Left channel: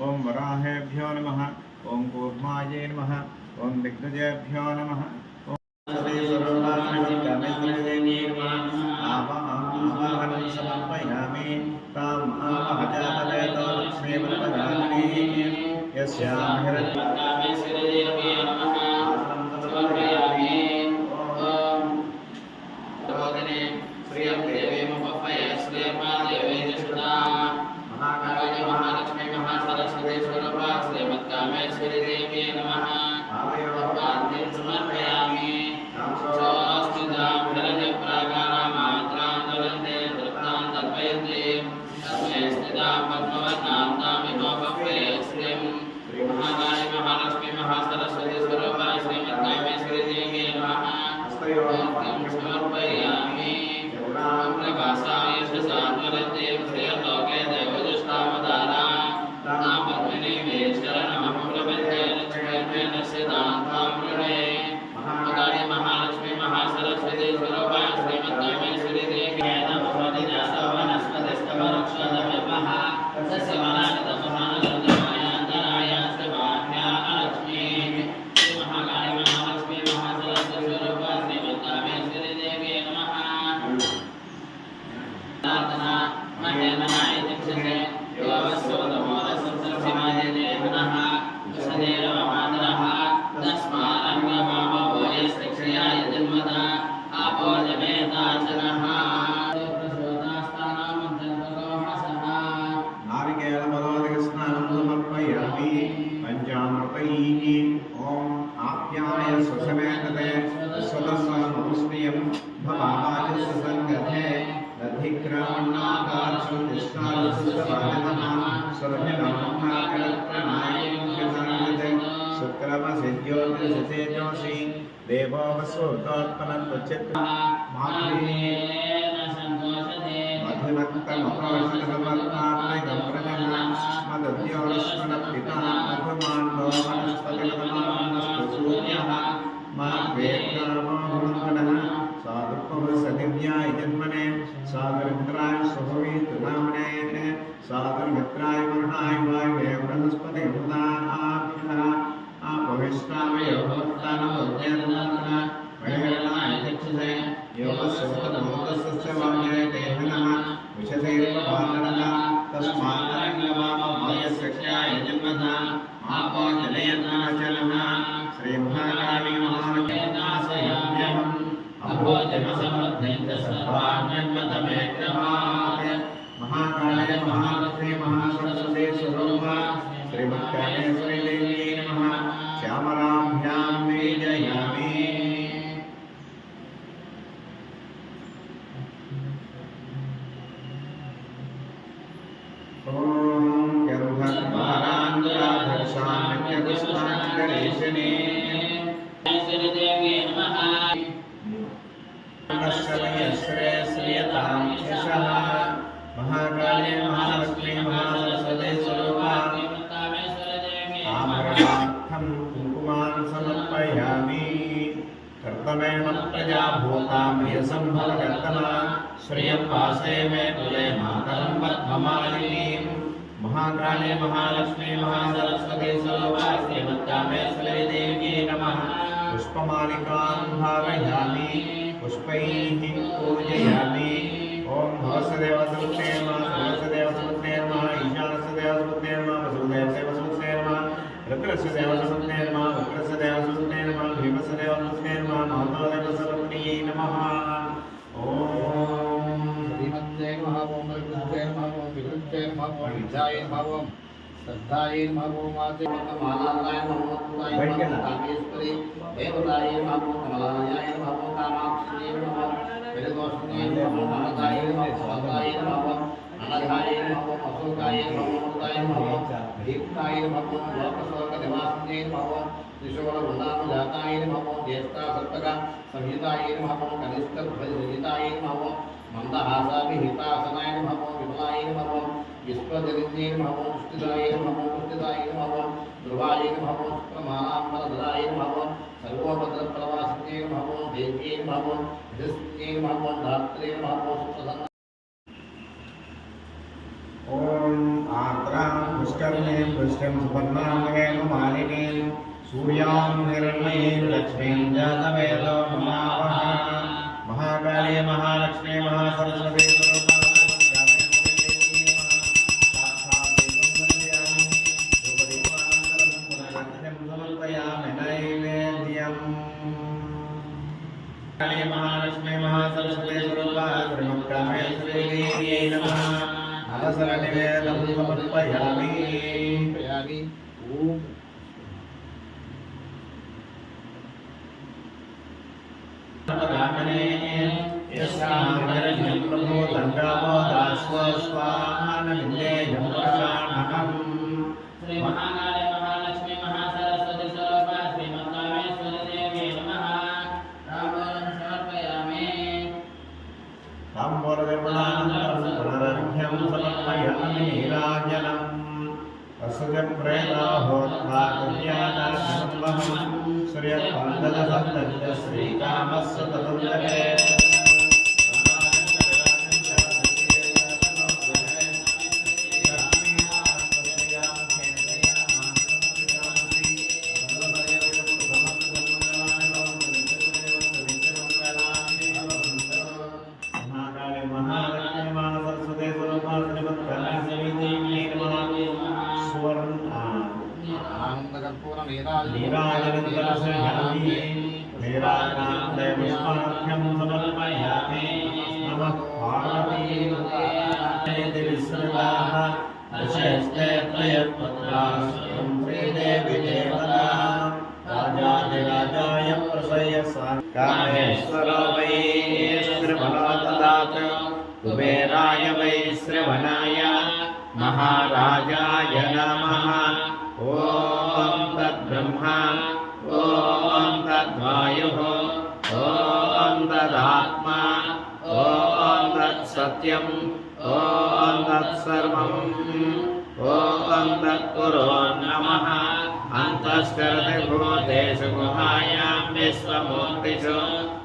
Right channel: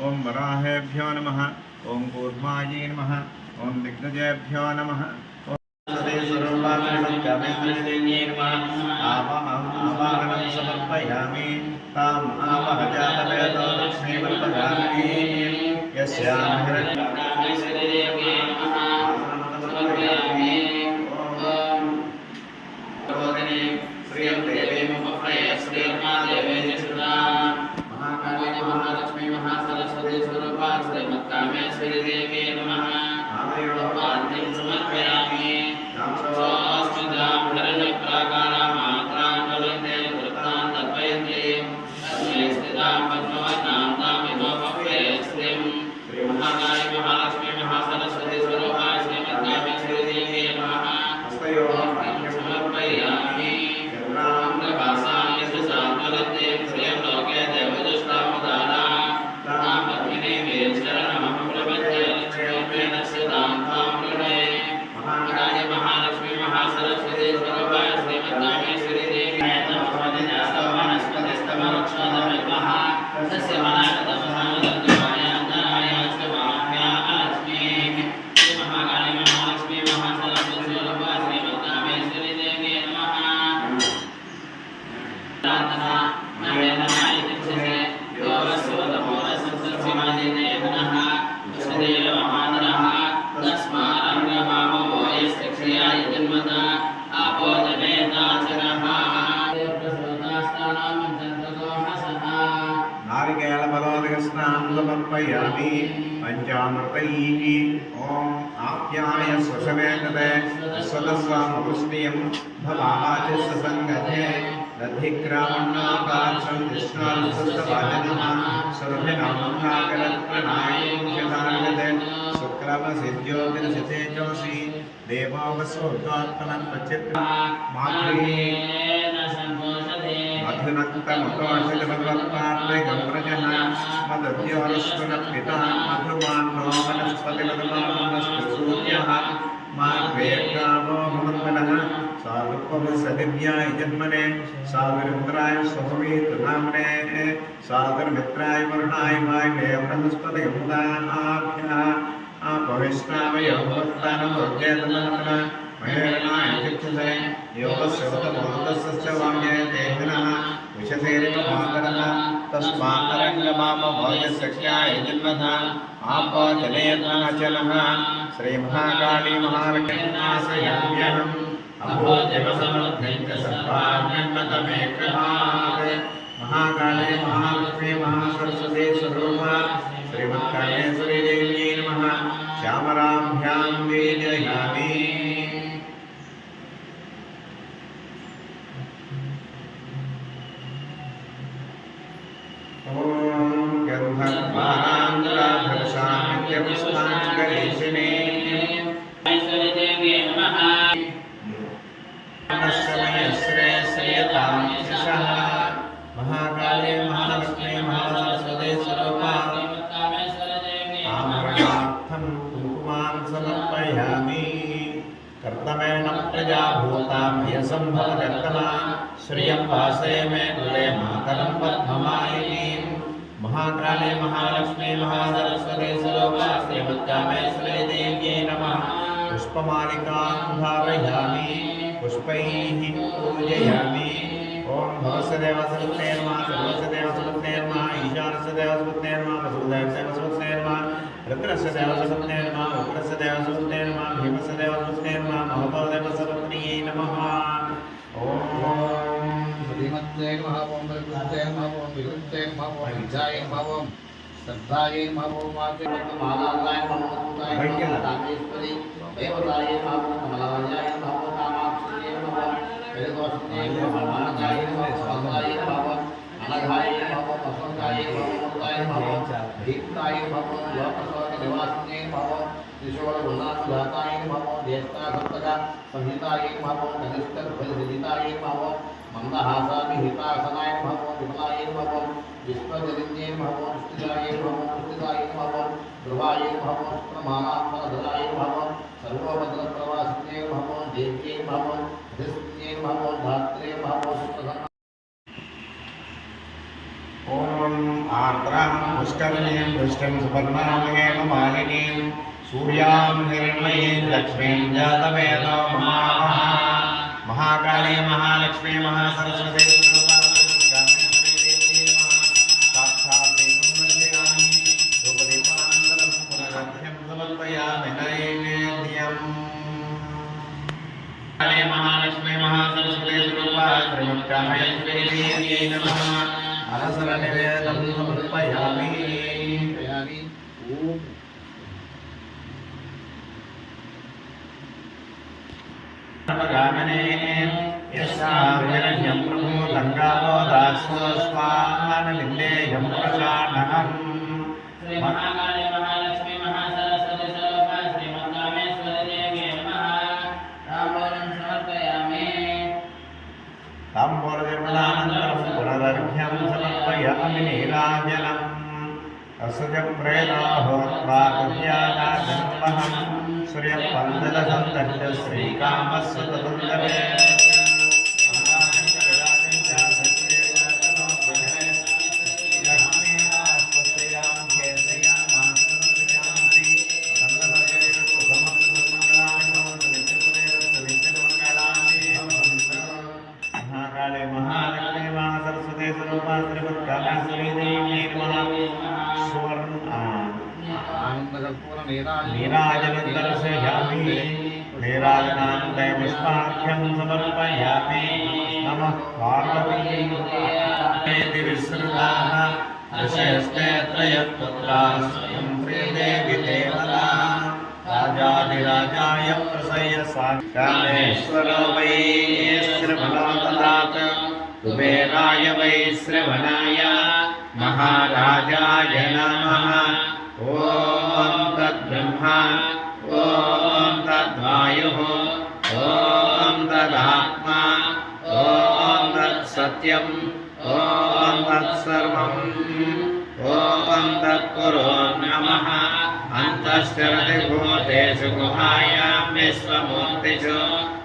ओम वराहेभ्यो नमः। ओम कूर्मायै नमः। ओम दिग्गजेभ्यो नमः। आवाहनं समर्पयामि ताम् आवहजातवेदो लक्ष्मीवल्लभामिनी यस्यां श्रियं देवीमुपफये श्रीर्मादेवी श्रुता महाकाली महालक्ष्मी महासरस्वती स्वरूपा श्रीमत्कामेश्वरी देवी नमः। आदयोपाद्यं समर्पयामि तां हिरण्यप्राकारां मात्रां ज्वलन्ते वृत्तां तर्पयन्ति तस्मै स्थितां पद्मवतां तामिमोपफये श्रियं श्रीमहाकाली महालक्ष्मी महासरस्वती स्वरूपा श्रीमत्कामेश्वरी देवी नमः। हस्तयोपाद्यं समर्पयामि गौराङ्गवासाय सुसात्वलन्ते श्रियं लोके देवदुष्टावतारा तां पद्मिनीं शरणमहं प्रपद्ये लक्ष्मीर्मेण स्थितां तां वृणे। महाकाली महालक्ष्मी महासरस्वती स्वरूपा श्रीमत्कामेश्वरी देवी नमः। वनस्पतिस्तववृक्षोदमः तस्य वनादतमहानन्दमायान्तराय शुभाभ्या लक्ष्मीः। श्रीमहाकाली महालक्ष्मी महासरस्वती स्वरूपा श्रीमत्कामेश्वरी देवी नमः। प्रार्थना नवेदनाय दक्षसे योगस्योदमोदसंसर्पिमादे देवनः वसुदेवमहानरः तस्मारङ्गमामो यस्तिक्षयाय जन्मता आपो जनेताचरः। नारिकेलफलादिकस्नानं समर्पयामि पञ्चामृतैः। ॐ आप्याय स्वशमेतते स्वतस्वामुष्टियं भवाचस्य सङ्गते दधिग्रामण्णाकाशं विष्णारुसस्तवाजनः सुरभिनामकाकरत्प्रणायं शुक्रमसिद्योतिरसितेजोषि देवो वसुतोत्पन्नप्रचित्रा मधुनक्तमतोषकमत्पात्रे गौरजः मदद्योरस्वनपिता मधुमान्नो वनस्पतिगतमानस्तुसूर्यः मार्वेर्गावो भवन्तनः सारुपवसदिव्याय जन्मने सागरमित्राय स्वभवेतुनाम्ने सागरमित्राय वरुणाय वायुवे बृहस्पतिगुदाभ्यः अपविष्णावयो भवतानमोर्गेतमनः महेरणाय चक्षुषे योगस्योतमोदस्य वाङ्गे देहनः विशसेरितभागरः तस्मात्तरङ्गमामभोगसख्याय जन्मथा आपो जनयताचलः। श्रीमहाकाली महाविष्णुनाशयाम्यहम् महाकाली महालक्ष्मी महासरस्वती स्वरूपा श्रीमत्कामेश्वरी देवी नमः। श्यामराभ्यां वेदयामि। ॐ गन्धर्वारान्धराधर्षां गणेशिने महाकाली महालक्ष्मी महासरस्वती स्वरूपा आमरणार्थं कुङ्कुमान् समर्पयामि। कर्तमेन प्रजा भूतामयसम्भवकर्तना श्रियं वासे मे कुले मातरं पद्ममालिनीं। महाकाली महालक्ष्मी महासरस्वती स्वरूपा श्रीमत्कामेश्वरी देव्यै नमः। पुष्पमालिकां धारयामि पुष्पैः पूजयामि। ओम भवस्य देवसुते नमः सर्वस्य देवसुते नमः ईशानस्य देवसुते नमः वसुदेवस्य देवसुते नमः रुद्रस्य देवसुते नमः उग्रस्य देवसुते नमः भीमस्य देवसुते नमः महतो देवसुते नमः। ओम श्रीमत्ते नमः ओम प्रकृते नमः ओम विकृते नमः ओम विजाय नमः ओम शब्दाये नमो माते मालाय नमो तुताय नमो कामेश्वरी देवताये नमो कमलाय नमो कामाक्षी नमो वेदोष्णे नमो महाकाय नमो भद्राय नमो अनघाय नमो अशोकाय नमो मुक्ताय नमो दीप्ताय नमो लोकशोक निवासिने नमो त्रिशूलगुणानुजाताय नमो ज्येष्ठा सप्तका संहिताय नमो कनिष्ठ ध्वजसहिताय नमो मंदहासाभिहितासनाय नमो विमलाय नमो विश्वजनिन्ये नमः पुष्टिदाय नमः पुष्टिदाय नमः ध्रुवाय नमः प्रमाणाम्बरधराय नमः सर्वभद्रप्रवासिने नमः देव्ये नमः धृष्टे नमः धात्रे नमः सुप्रसन्न ओम आर्द्रां पुष्करिणीं पुष्टिं सुपर्णां मालिनीं सूर्यां हिरण्मयीं लक्ष्मीं जातवेदो ममावः महाकाली महालक्ष्मी महासरस्वती महालक्ष्मी महासरस्वती श्रीमत्कामेश्वरी नमः अनसरनिवेदनं समर्पयामि। गामिने यस्यां प्रभो तङ्गावो दास्व स्वाहानविन्देयं प्रशानहम् महाकाली महालक्ष्मी महासरस्वती स्वरूपा श्रीमत्कामेश्वरी देवी नमः ताम्बूलं समर्पयामि। ताम्बूलनिर्मलानन्तरं पुनरर्घ्यं समर्पयामि नीराजनम् असुजं प्रेताहोत्राकुर्यादाजन्महं सूर्यपन्दलसन्दर्य श्रीकामस्य तदुर्लभे महाकाले महालक्ष्मी महासरस्वती स्वरूपा श्रीमत्कामेश्वरी देवी नमः नीराजनं दर्शयामि नीराजनान्ते पुष्पार्घ्यं समर्पयामि नमः पार्वतीदेवी विस्मृताः ऋषयस्ते त्रयत्पुत्राः स्वयं श्रीदेवी देवता राजाधिराजाय प्रसह्य कामेश्वरो वै श्रवणो ददात कुबेराय वै श्रवणाय महाराजाय नमः। ॐ तद्ब्रह्मा ॐ तद्वायुः ॐ तदात्मा ॐ तत्सत्यम् ॐ तत्सर्वम् ॐ तत्पुरो नमः। अन्तश्चरति भूतेषु गुहायां विश्वमूर्तिषु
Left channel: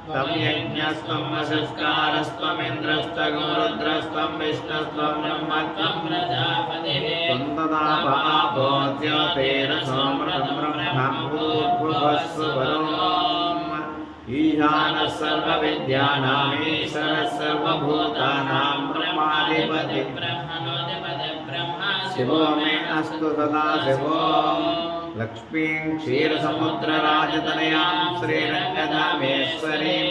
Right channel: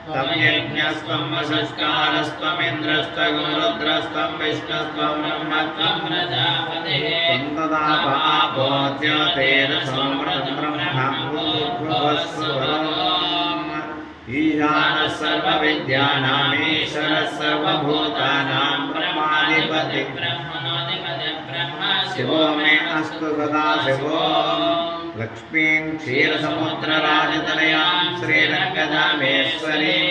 तं यज्ञस्त्वं वसिष्ठारस्त्वमिन्द्रस्त्वं रुद्रस्त्वं विष्णुस्त्वं ब्रह्मत्वं प्रजापतिः त्वं तदा पापो ज्योतिरसोमृतं ब्रह्म भूर्भुवस्सुवरोम् ईशानः सर्वविद्यानामीश्वरः सर्वभूतानां ब्रह्माधिपतिः शिवो मे अस्तु सदा शिवो। लक्ष्मीं क्षीरसमुद्रराजतनयां श्रीरङ्गधामेश्वरीं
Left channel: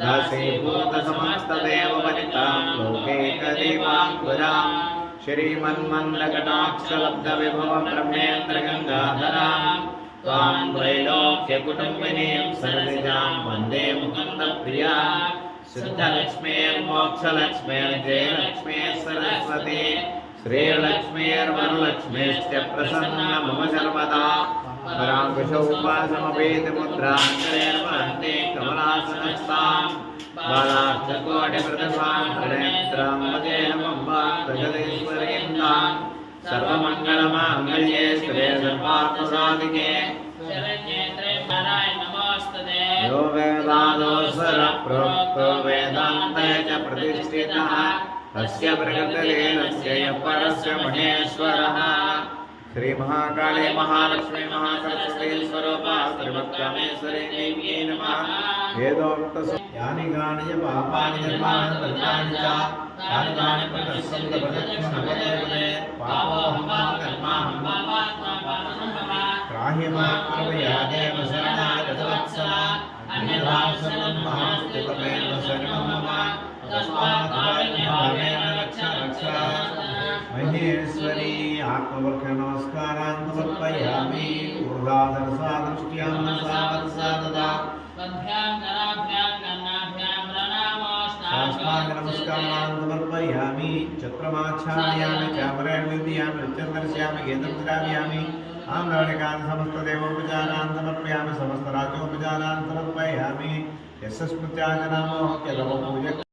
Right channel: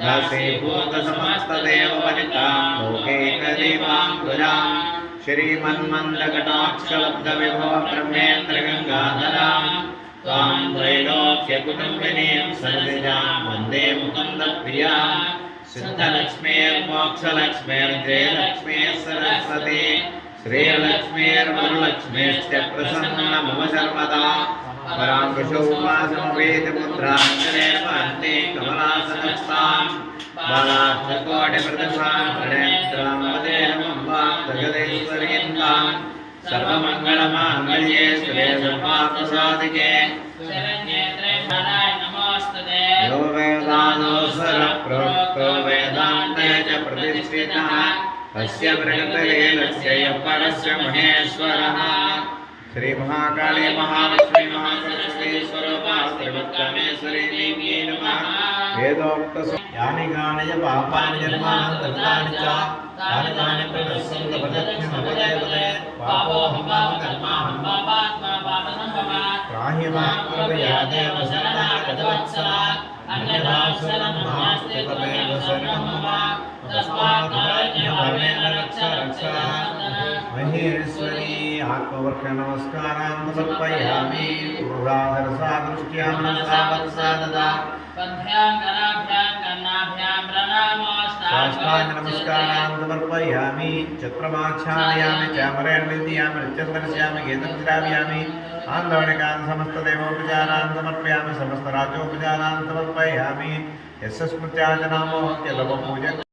दासीभूतसमस्तदेववनितां लोकैकदीपाङ्कुरां श्रीमन्मन्दकटाक्षलब्धविभवब्रह्मेन्द्रगङ्गाधरां त्वां त्रैलोक्यकुटुम्बिनीं सरसिजां वन्दे मुकुन्दप्रियां सिद्धलक्ष्मीर्मोक्षलक्ष्मीर्जयलक्ष्मी सरस्वती श्रीलक्ष्मीर्वरलक्ष्मीश्च प्रसन्न मम सर्वदा पराङ्कुशोपासमवेति मुद्रान्तरेर्वन्ति कमलासनस्तां बालाष्टकोटिप्रतिभां त्रिनेत्रां वदेहमम्बां जगदीश्वरीन्दां सर्वमङ्गलमाङ्गल्ये शिवे सर्वार्थसाधिके यो वेदानोऽस्वरप्रोक्तो वेदान्ते च प्रतिष्ठितः अस्य बृहत्तलीलस्य यः परस्य महेश्वरः। श्री महाकाली महालक्ष्मी महासरस्वती स्वरूपा श्रीमत्कामेश्वरी देवी नमः। वेदोक्तसु यानि कानि च पापानि जन्मान्तराणि च तानि तानि प्रदर्शन्त प्रदक्षिणपदे पापोऽहं कर्माहं पापात्मा पापसम्भवा त्राहि मां कृपया देव शरणागतवत्सला अन्यथा शरणं नास्ति त्वमेव शरणं मम तस्मात् कारुण्यभावेन रक्ष रक्ष। महेश्वरी आत्मवर्ष नमस्कारान् समर्पयामि ऊर्ध्वाधरसादृष्ट्या मनसा वत्सा ददा साष्टांग नमस्कारान् समर्पयामि चक्रमाच्छादयामि चामरेण विद्यामि नृत्यं दर्शयामि गीतं श्रावयामि आन्दवनिकान् समस्तदेवोपचारान् समर्पयामि समस्तराजोपचारान् समर्पयामि यस्य स्मृत्याचनामो ह्यलवपूजक